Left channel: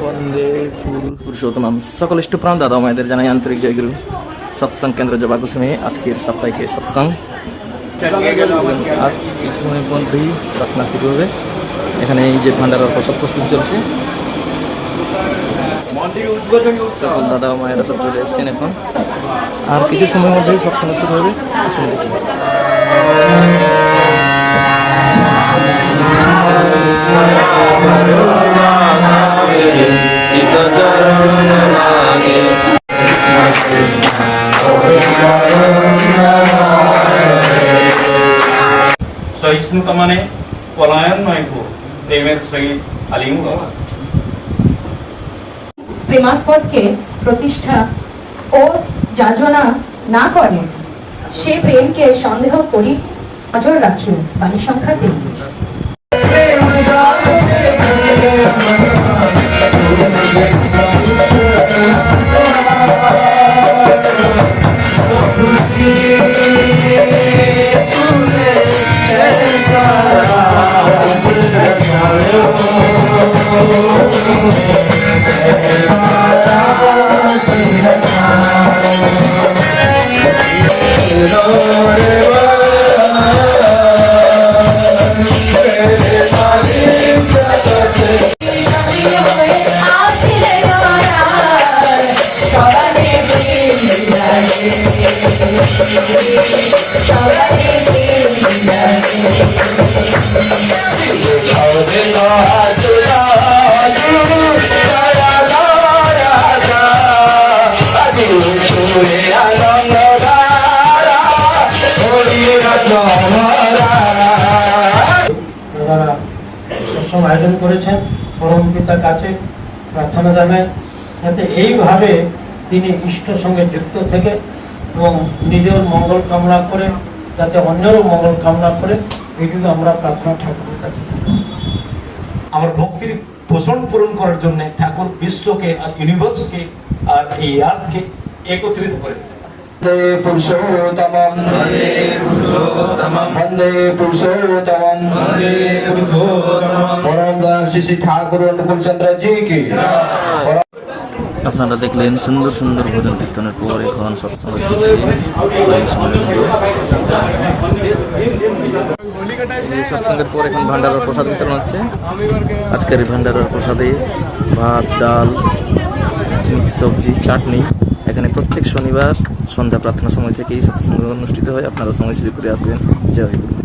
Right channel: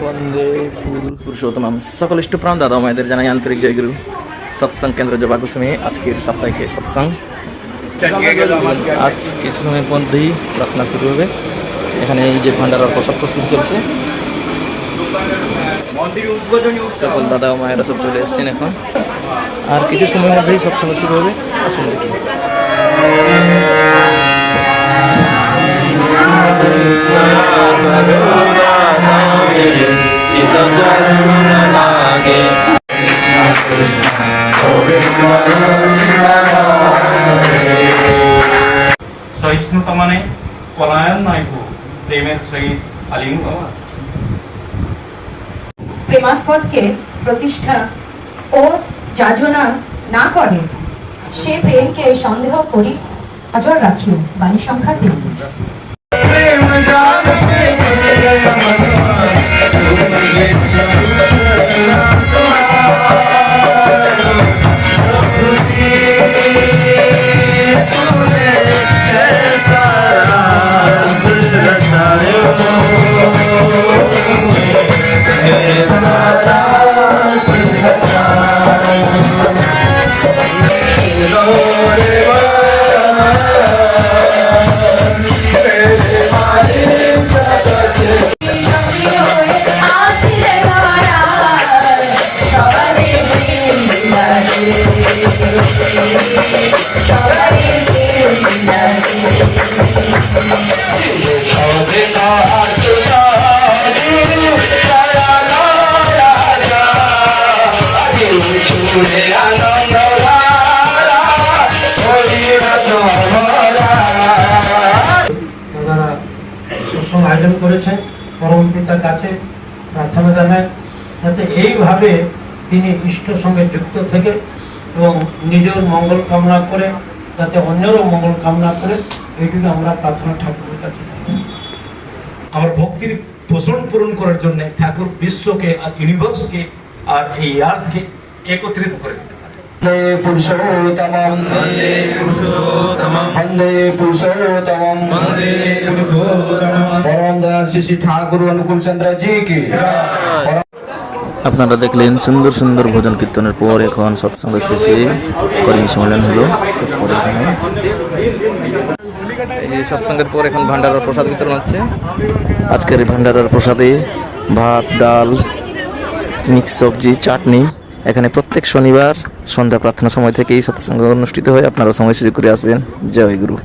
বন্দে পুরুষোত্তম। সকল ইষ্টপ্রাণ দাদা মায়েদের জানাই আন্তরিক জয়গুরু। সৎসঙ্গ কেন্দ্র জবা কুসুমে আজকের সাপ্তাহিক সৎসঙ্গ। আজ কিছু সময়ের মধ্যেই প্রার্থনা শুরু হবে। এখানে এই যে ভান্ডারার প্রসাদ প্রস্তুত চলছে। সকল দাদা মায়েরা সব চলে এসছেন এখন, আর কিছু সময়ের মধ্যেই সৎসঙ্গ শুরু হবে। আসুন দেখি। সহিষ্ণুতা মানে পলায়ন নয় গো, প্রেমের সহিত আলিঙ্গ। প্রেমাস্পদকে প্রতিষ্ঠা ও যাজনা না করে সে প্রেমকে সন্দেহ করি নজর রাখি। বাণী সংখ্যা 33। আয়োজন করেছেন, পরম পিতার কাছে প্রার্থনা জানায় যাতে এইভাবে তিনি ইষ্টের সঙ্গে যুক্ত থেকে এবং নিজের মঙ্গল কামনা করে যাতে অন্যেরও মঙ্গল কামনা করে, এইটুকু আমরা প্রার্থনা ঠাকুরের কাছে। আমার ভক্তির পোষণ পূরণ করার জন্য ঠাকুর বিশ্বকে আর ইউনিভার্সকে আর এই আর্থকে একত্রিত করে দিতে পারে। ঠাকুর অনুকূল চন্দ্র জি কি। আপনারা দেখলেন সুন্দর সুন্দর ভজন কীর্তনের পর এখন সৎসঙ্গ শেষে কর্মী সম্মেলন হলো। এই সৎসঙ্গের পর এখন ভান্ডারার প্রসাদ বিতরণ হচ্ছে। আজকের এই ভান্ডারার প্রসাদে ভাত, ডাল, মিক্স সবজি, চাটনি। এখানে প্রত্যেক শনিবার সন্ধ্যা প্রার্থনা সময় থেকেই সৎসঙ্গ অনুষ্ঠিত হয়। আপনারা সময় সুযোগ করে আসবেন। জয় গুরু।